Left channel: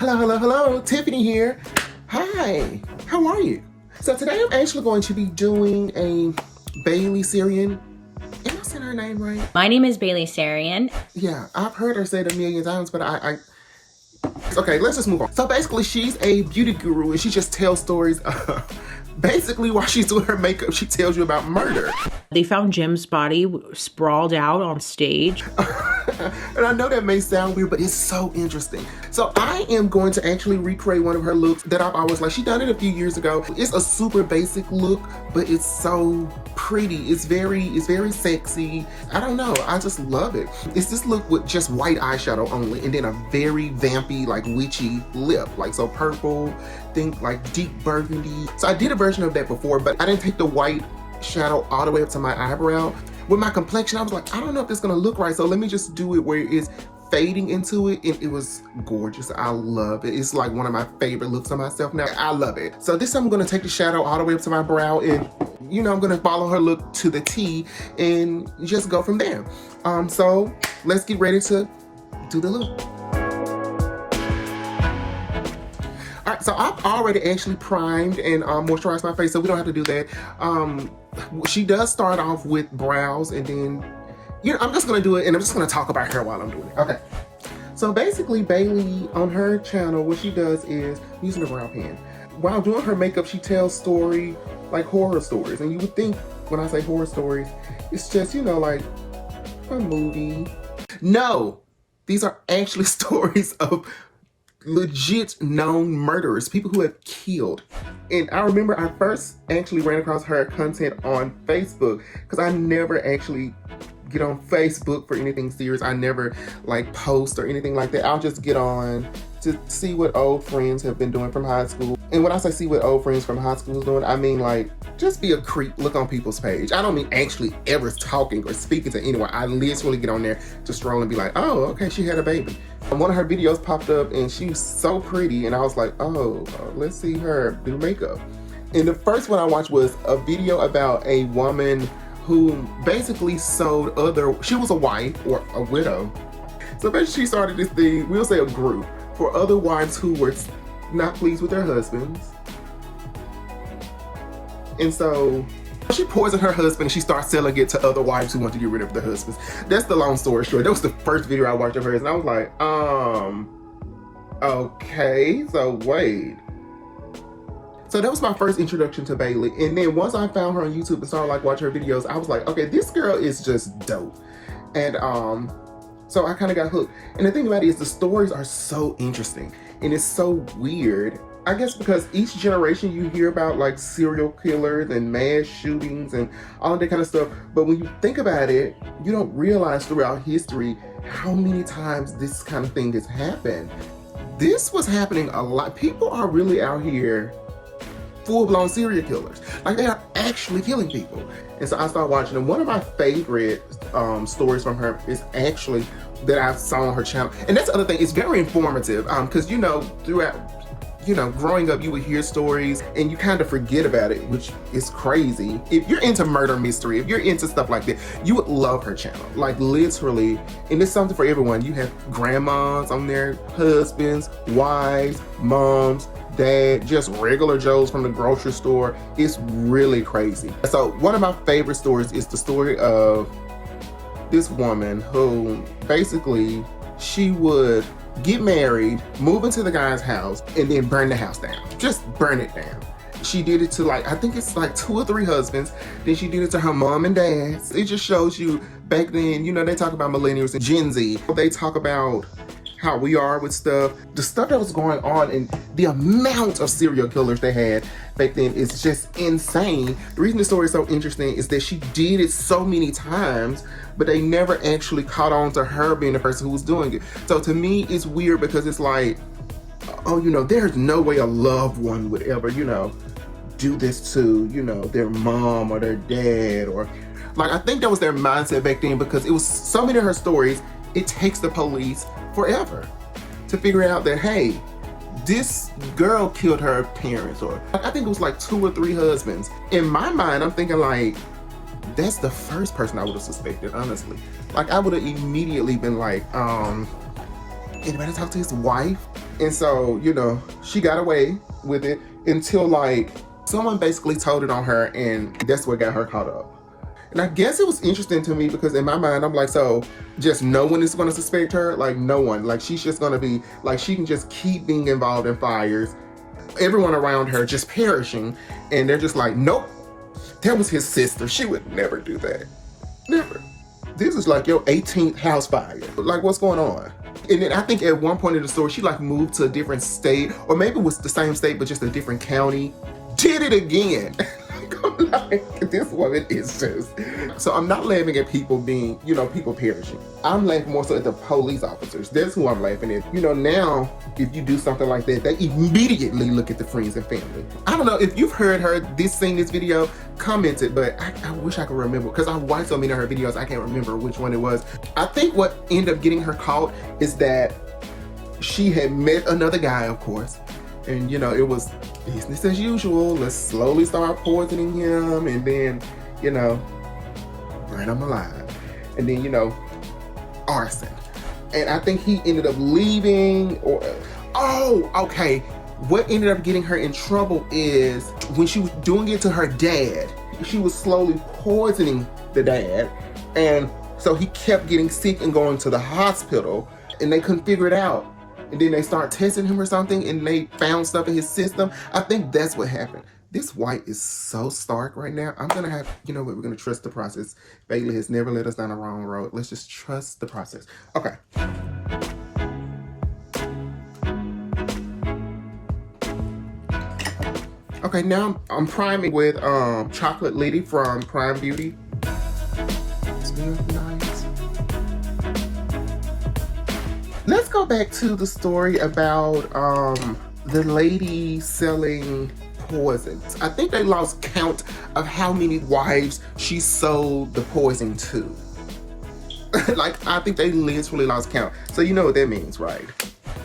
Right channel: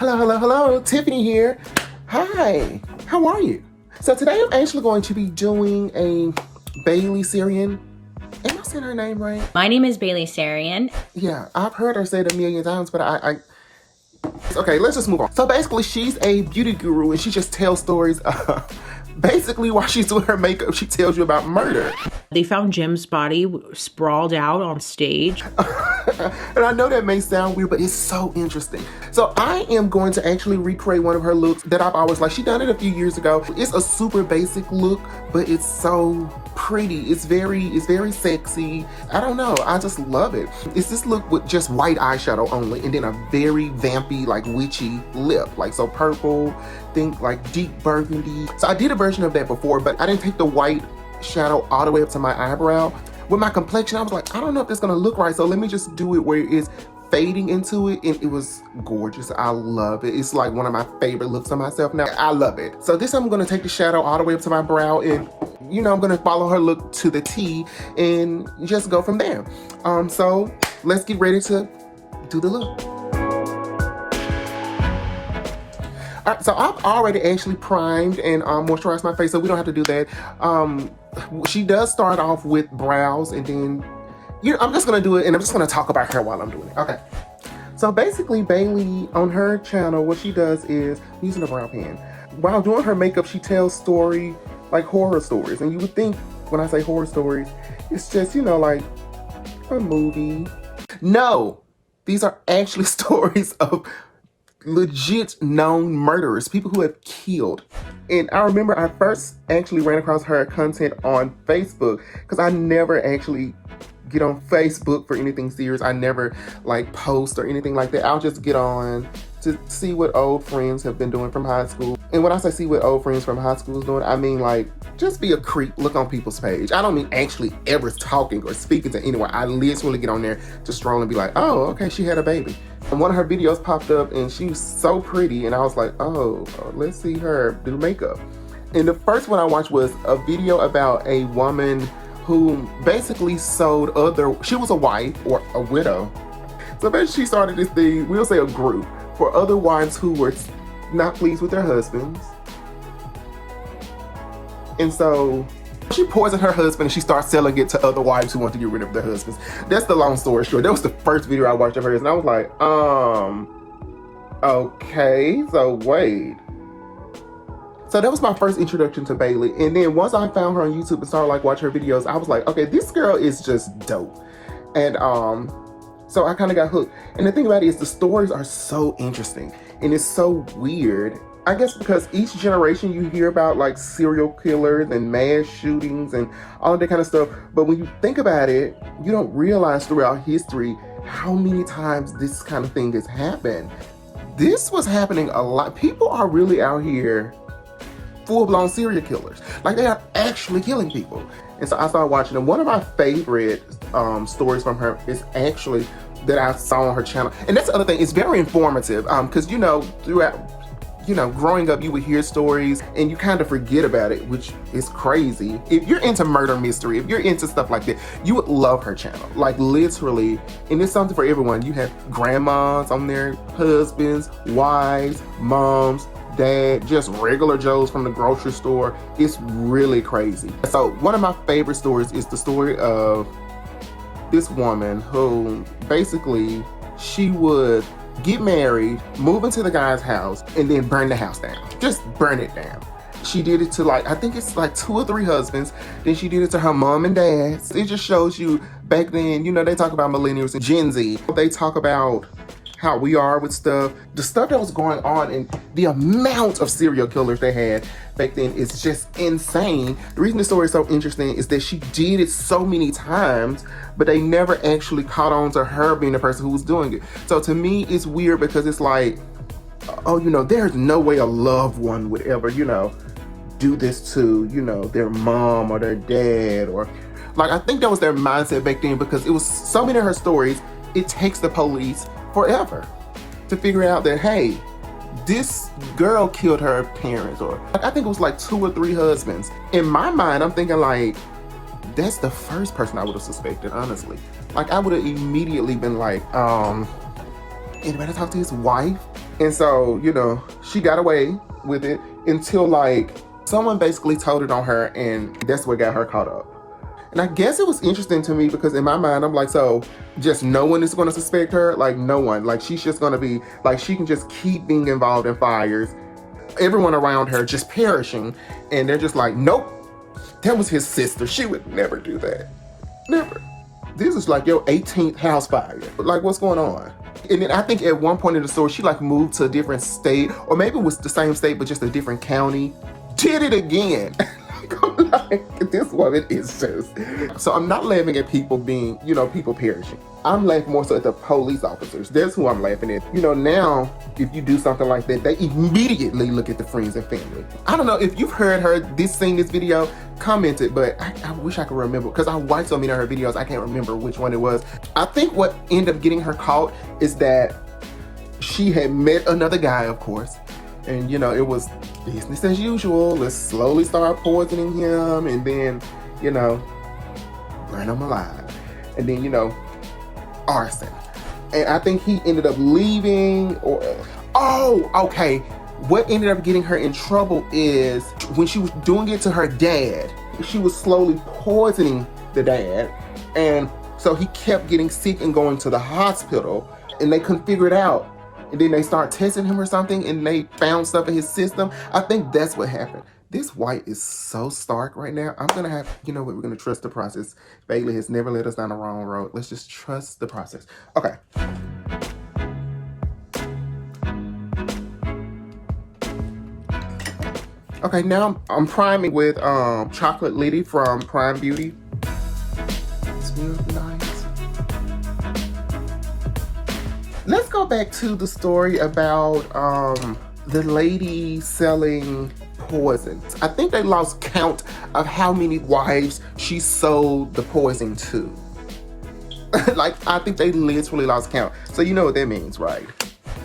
Hello, hello, hello. Tiffany here. Hi. How are you? So today I'm actually going to be doing a Bailey Sarian. Am I saying her name right? My name is Bailey Sarian. Yeah, I've heard her say it a million times, but okay, let's just move on. So basically, she's a beauty guru, and she just tells stories. Basically, while she's doing her makeup, she tells you about murder. They found Jim's body sprawled out on stage. And I know that may sound weird, but it's so interesting. So I am going to actually recreate one of her looks that I've always liked. She done it a few years ago. It's a super basic look, but it's so pretty. It's very sexy. I don't know, I just love it. It's this look with just white eyeshadow only, and then a very vampy, like witchy lip. Like so purple, think like deep burgundy. So I did a version of that before, but I didn't take the white shadow all the way up to my eyebrow. With my complexion, I was like, I don't know if it's gonna look right, so let me just do it where it is fading into it, and it was gorgeous. I love it. It's like one of my favorite looks on myself now. I love it. So this time I'm gonna take the shadow all the way up to my brow, and you know, I'm gonna follow her look to the T and just go from there. So let's get ready to do the look. Alright, so I've already actually primed and moisturized my face, so we don't have to do that. She does start off with brows, and then, you know, I'm just gonna do it, and I'm just gonna talk about her while I'm doing it. Okay. So basically, Bailey, on her channel, what she does is, using a brow pen, while doing her makeup, she tells stories, like horror stories. And you would think, when I say horror stories, it's just, you know, like a movie. No, these are actually stories of legit known murderers, people who have killed. And I remember I first actually ran across her content on Facebook, because I never actually get on Facebook for anything serious. I never like post or anything like that. I'll just get on to see what old friends have been doing from high school. And when I say see what old friends from high school is doing, I mean like just be a creep, look on people's page. I don't mean actually ever talking or speaking to anyone. I literally get on there to stroll and be like, oh, okay, she had a baby. And one of her videos popped up, and she was so pretty, and I was like, oh, let's see her do makeup. And the first one I watched was a video about a woman who basically sold she was a wife or a widow. So basically she started this thing, we'll say a group, for other wives who were not pleased with their husbands. And so she poisoned her husband, and she starts selling it to other wives who want to get rid of their husbands. That's the long story short. That was the first video I watched of hers, and I was like, okay, so wait. So that was my first introduction to Bailey. And then once I found her on YouTube and started like watching her videos, I was like, okay, this girl is just dope. And so I kind of got hooked. And the thing about it is the stories are so interesting, and it's so weird. I guess because each generation you hear about like serial killers and mass shootings and all that kind of stuff. But when you think about it, you don't realize throughout history how many times this kind of thing has happened. This was happening a lot. People are really out here full-blown serial killers. Like, they are actually killing people. And so I started watching them. One of my favorite stories from her is actually that I saw on her channel. And that's the other thing, it's very informative, because you know, throughout, you know, growing up, you would hear stories and you kind of forget about it, which is crazy. If you're into murder mystery, if you're into stuff like that, you would love her channel. Like literally, and it's something for everyone. You have grandmas on there, husbands, wives, moms, dad, just regular Joes from the grocery store. It's really crazy. So one of my favorite stories is the story of this woman who basically, she would get married, move into the guy's house, and then burn the house down. Just burn it down. She did it to like, I think it's like 2 or 3 husbands. Then she did it to her mom and dad. It just shows you back then, you know, they talk about millennials and Gen Z. They talk about how we are with stuff. The stuff that was going on and the amount of serial killers they had back then is just insane. The reason the story is so interesting is that she did it so many times, but they never actually caught on to her being the person who was doing it. So to me, it's weird because it's like, oh, you know, there's no way a loved one would ever, you know, do this to, you know, their mom or their dad, or like, I think that was their mindset back then, because it was so many of her stories, it takes the police forever to figure out that, hey, this girl killed her parents, or I think it was like 2 or 3 husbands. In my mind, I'm thinking like, that's the first person I would have suspected, honestly. Like, I would have immediately been like, anybody talk to his wife? And so, you know, she got away with it until like someone basically told it on her, and that's what got her caught up. And I guess it was interesting to me because in my mind, I'm like, so just no one is going to suspect her? Like no one. Like she's just going to be, like she can just keep being involved in fires. Everyone around her just perishing. And they're just like, nope, that was his sister. She would never do that. Never. This is like your 18th house fire. Like what's going on? And then I think at one point in the story, she like moved to a different state, or maybe it was the same state, but just a different county. Did it again. I'm like, this woman is just. So I'm not laughing at people being, you know, people perishing. I'm laughing more so at the police officers. That's who I'm laughing at. You know, now, if you do something like that, they immediately look at the friends and family. I don't know if you've heard her seen this video, comment it, but I wish I could remember because I watched so many of her videos, I can't remember which one it was. I think what ended up getting her caught is that she had met another guy, of course, and you know, it was business as usual. Let's slowly start poisoning him and then, you know, burn him alive. And then, you know, arson. And I think he ended up leaving or, oh, okay. What ended up getting her in trouble is when she was doing it to her dad, she was slowly poisoning the dad. And so he kept getting sick and going to the hospital and they couldn't figure it out. And then they started testing him or something and they found stuff in his system. I think that's what happened. This white is so stark right now. I'm gonna have, you know what, we're gonna trust the process. Bailey has never led us down the wrong road. Let's just trust the process. Okay. Okay, now I'm priming with Chocolate Liddy from Prime Beauty. It smells nice. Let's go back to the story about the lady selling poisons. I think they lost count of how many wives she sold the poison to. Like, I think they literally lost count. So you know what that means, right?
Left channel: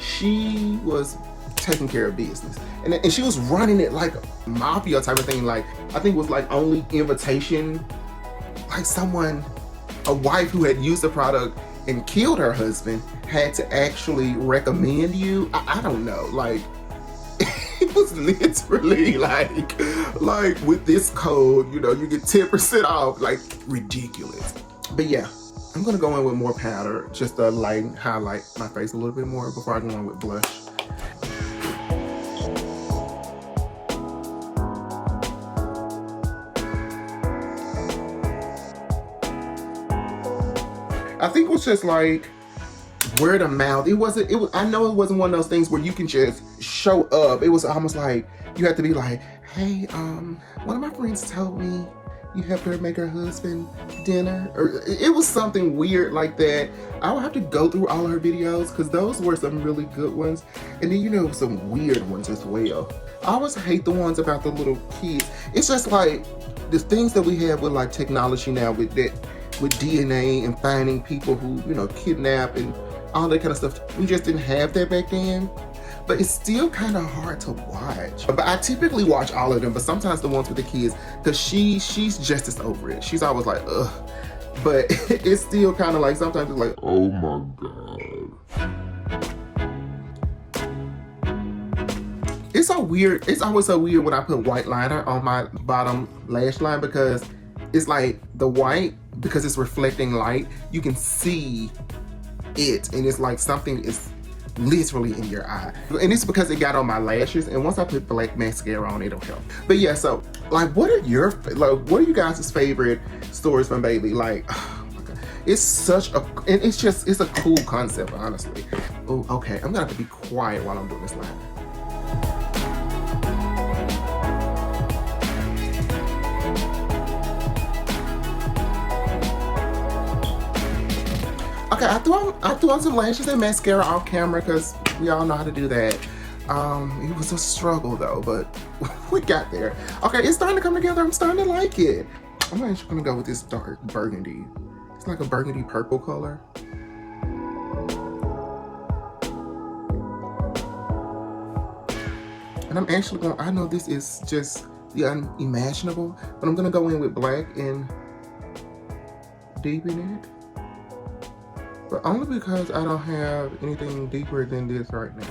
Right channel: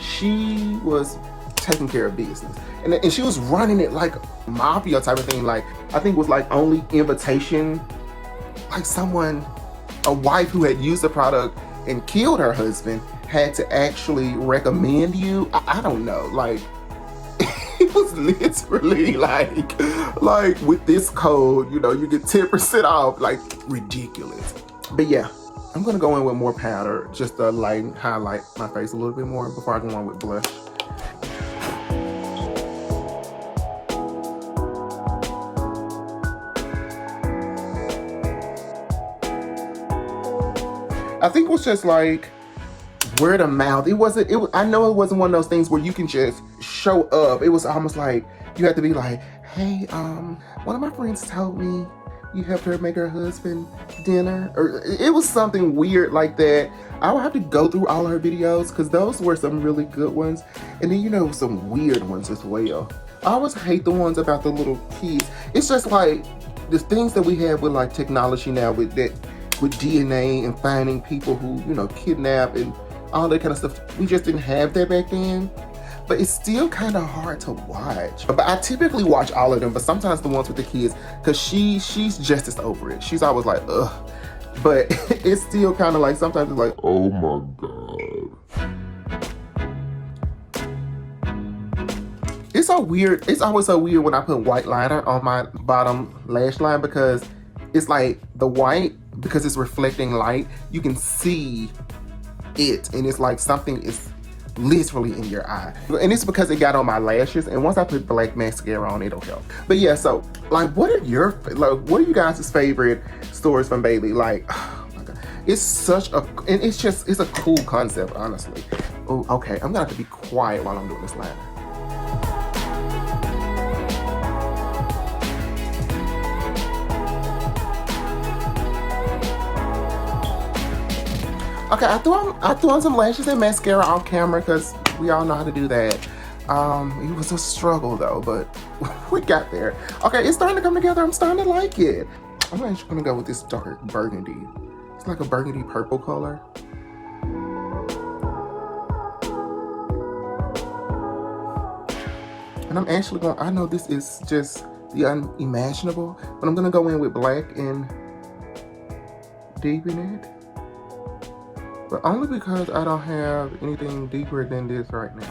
She was taking care of business. And she was running it like a mafia type of thing. Like, I think it was like only invitation. Like someone, a wife who had used the product and killed her husband had to actually recommend you. I don't know. Like, it was literally like with this code, you know, you get 10% off. Like, ridiculous. But yeah, I'm gonna go in with more powder just to highlight my face a little bit more before I go on with blush. I think it was just like word of mouth. I know it wasn't one of those things where you can just show up. It was almost like you had to be like, hey, one of my friends told me you helped her make her husband dinner. Or it was something weird like that. I would have to go through all of her videos because those were some really good ones. And then, you know, some weird ones as well. I always hate the ones about the little kids. It's just like the things that we have with like technology now with DNA and finding people who, you know, kidnap and all that kind of stuff. We just didn't have that back then. But it's still kind of hard to watch. But I typically watch all of them, but sometimes the ones with the kids, because she's just as over it. She's always like, ugh. But it's still kind of like, sometimes it's like, oh my God. It's so weird. It's always so weird when I put white liner on my bottom lash line because it's like the white, because it's reflecting light, you can see it. And it's like something is literally in your eye. And it's because it got on my lashes, and once I put black mascara on, it'll help. But yeah, so like what are you guys' favorite stories from Bailey? Like, oh my God, it's such a, and it's a cool concept, honestly. Oh, okay, I'm gonna have to be quiet while I'm doing this line. Okay, I threw on some lashes and mascara off camera because we all know how to do that. It was a struggle though, but we got there. Okay, it's starting to come together. I'm starting to like it. I'm actually gonna go with this dark burgundy. It's like a burgundy purple color. And I'm actually gonna, I know this is just the unimaginable, but I'm gonna go in with black and deepen it. But only because I don't have anything deeper than this right now.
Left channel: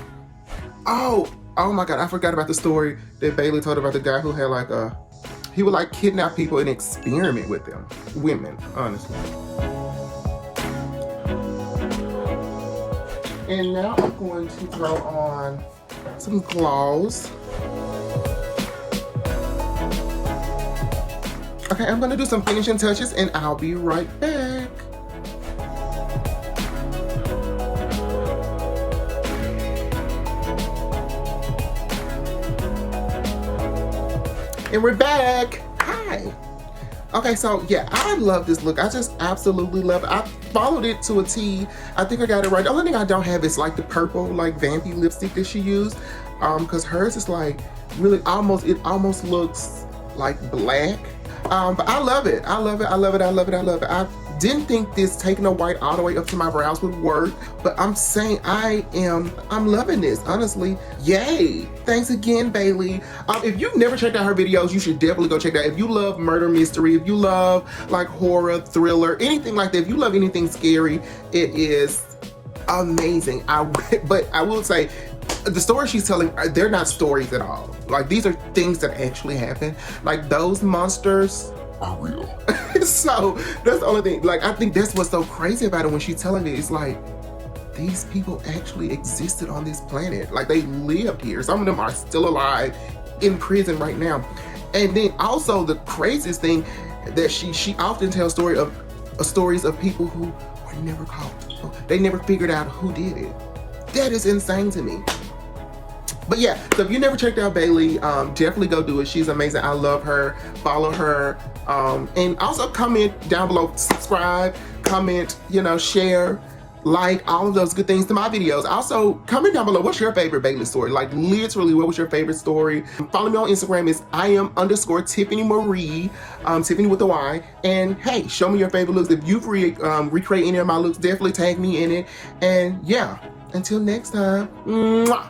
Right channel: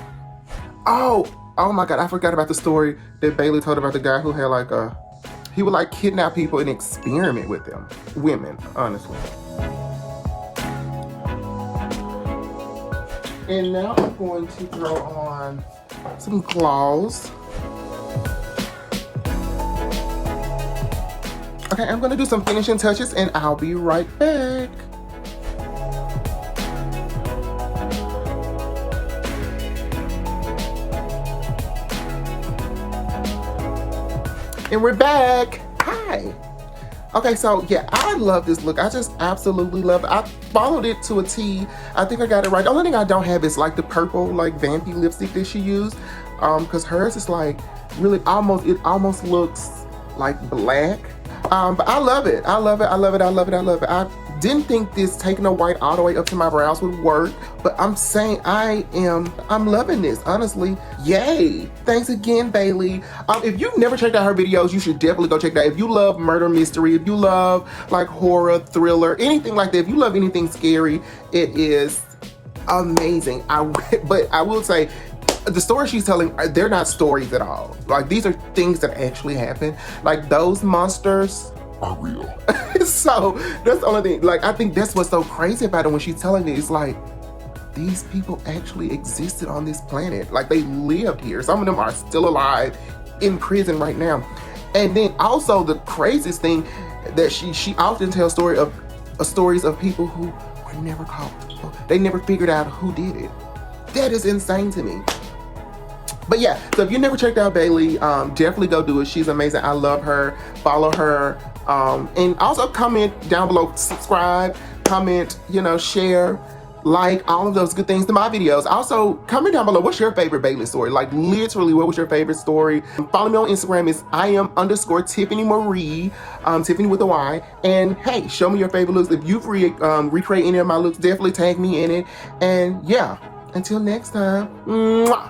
Oh my God, I forgot about the story that Bailey told about the guy who had like he would like kidnap people and experiment with them. Women, honestly. And now I'm going to throw on some gloss. Okay, I'm gonna do some finishing touches and I'll be right back. And we're back. Hi. Okay, so yeah, I love this look. I just absolutely love it. I followed it to a T. I think I got it right. The only thing I don't have is like the purple, like vampy lipstick that she used. Because hers is like really it almost looks like black. But I love it. I love it. I love it. I love it. I love it. I didn't think this taking the white all the way up to my brows would work, but I'm saying I'm loving this, honestly. Yay. Thanks again, Bailey. If you've never checked out her videos, you should definitely go check it out. If you love murder mystery, if you love like horror, thriller, anything like that, if you love anything scary, it is amazing. But I will say, the stories she's telling, they're not stories at all. Like, these are things that actually happen. Like, those monsters are real. So that's the only thing. Like, I think that's what's so crazy about it when she's telling it. It's like, these people actually existed on this planet. Like, they lived here. Some of them are still alive in prison right now. And then also the craziest thing that she often tells stories of people who were never caught. They never figured out who did it. That is insane to me. But yeah, so if you never checked out Bailey, definitely go do it. She's amazing. I love her. Follow her. And also comment down below, subscribe, comment, share, like, all of those good things to my videos. Also, comment down below, what's your favorite Bailey story? Like, literally, what was your favorite story? Follow me on Instagram. It's @Tiffany Marie, Tiffany with a Y. And hey, show me your favorite looks. If you've recreated any of my looks, definitely tag me in it. And yeah, until next time, mwah.